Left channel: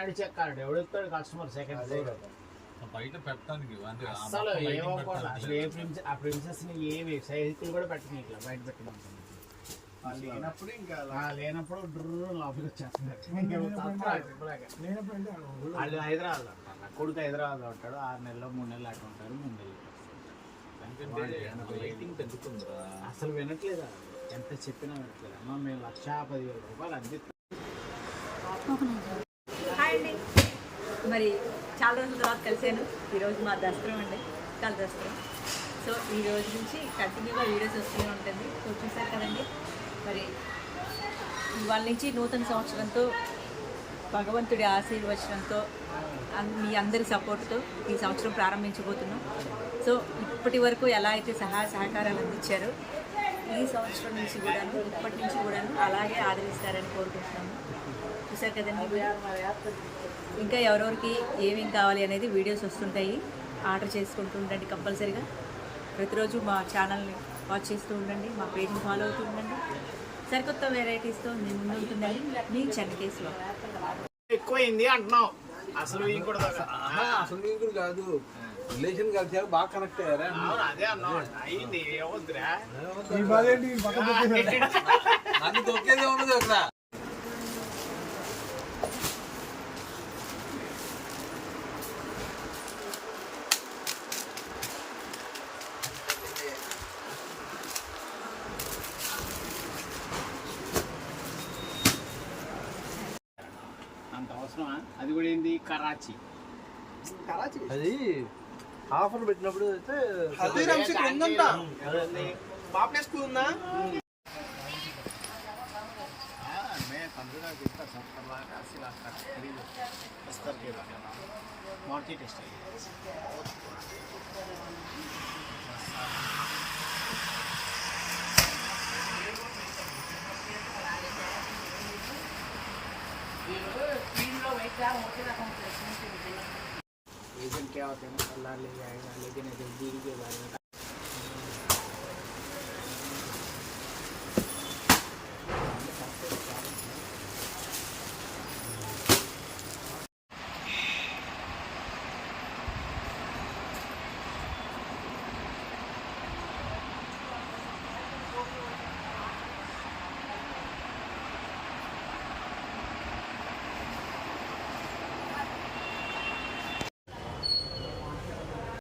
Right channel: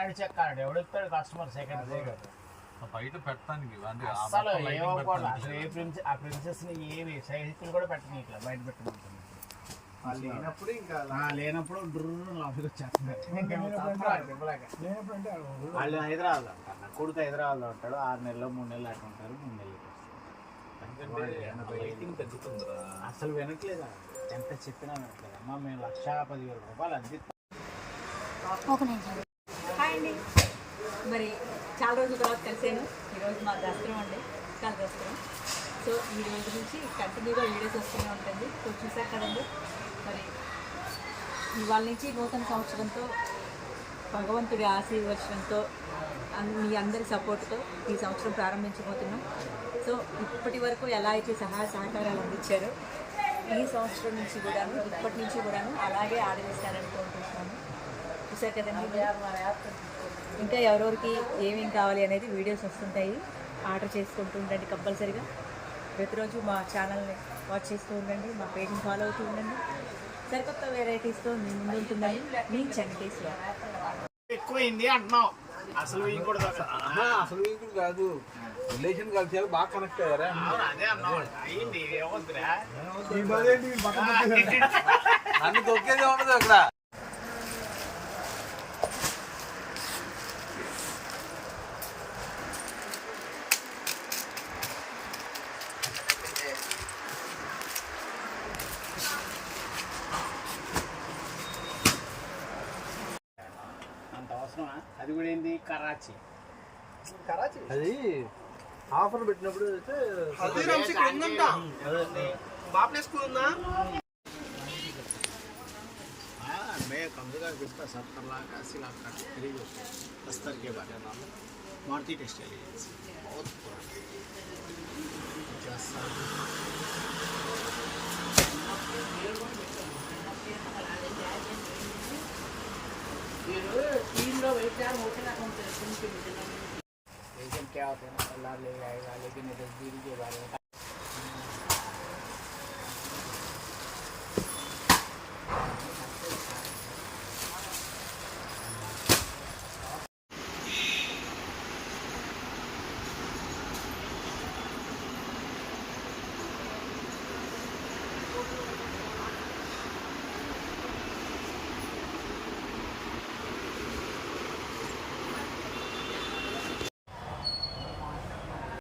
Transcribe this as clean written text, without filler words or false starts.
నడిచే card ఎవడిస్తాడు customer second బయట పెట్టడానికి అసలు ఏమనుకోండి అసలు ఆ ప్రిన్సెస్ ని ఏమి సైకిల్ కూడా పెట్టని ఇట్లా బయట పెట్టమంటుంది లేనప్పుడు ఇంకా లేనప్పుడు డ్రూ లోపలికి వచ్చేస్తున్నారు వాళ్ళు హైదరాబాద్ ఉంటారు కొడుకు హైదరాబాద్లో ఉంటాడు 6 నెలలు 3 నెలలు అట్లా ఉంటారు 3 నెలలు అసలు వినట్లేదు ఎంత చెప్పినా వినట్లేదు అమ్మ మేము 1,10,000 రూపాయలు అందిస్తాం. హాయ్ అండి, మరి చాలా రోజుల తర్వాత కలిసాను. ఈరోజు మా దసరా అండి, చాలా దసరా. సో ఈ రోజు నుంచి కంటిన్యూగా వీడియోస్ వస్తూనే ఉంటుంది. సో చూసారు కదండి, మరి ఇవాళ నుంచి నూతన సంవత్సరంతో భగవంతుడి ఆశీర్వచనంతో మీ అందరి సపోర్ట్తో ఈ సంవత్సరం ప్రారంభించబోతున్నాం. సో ఇప్పటి వరకు ఎలా అయితే సహాయ సహకారాలు అందించారో ఈ సంవత్సరం నుంచి కూడా ఇప్పటి నుంచి కూడా అలాగే ఆదరిస్తారని కోరుకుంటున్నాను. చూసారు కదండి, ఇంకా ఎవరెవరికి ఏమేమి కావాలి అనేది వీడియోస్ వస్తుంటాయి. ఆర్డర్ చేసుకుంటూ ఉండండి కంపల్సరీగా. ప్రతిరోజు మా ఛానల్ని వాచ్ చేస్తూ ఉండండి, మా పేజ్ని ఫాలో అవుతూ ఉండండి. సరికొత్త వెరైటీస్తో మేము ముందు ఉంటుందండి మీ చెన్నకేశ్వర. ఎక్కువైంది అంటున్నాం. అసలు అసలు కూడా కాదు, రిలేషన్ కలిసి బాగా కనెక్ట్ అయ్యారా? అదే అన్నాం అయింది. నన్ను తొక్కేదే ఉండదు అక్కడ. అంత అవసరమా? అది కూడా ఏంటి కరాచీ అది ఆఫర్ పెట్టినప్పుడు मैं कंप्यूटर बिकता 70 लाख 80 लाख का खरीद स्तर के बारे में मारुति टेक्सटाइल एजेंट क्या होते हैं, मसाला ले आएगा लेकिन नजदीक के बारे में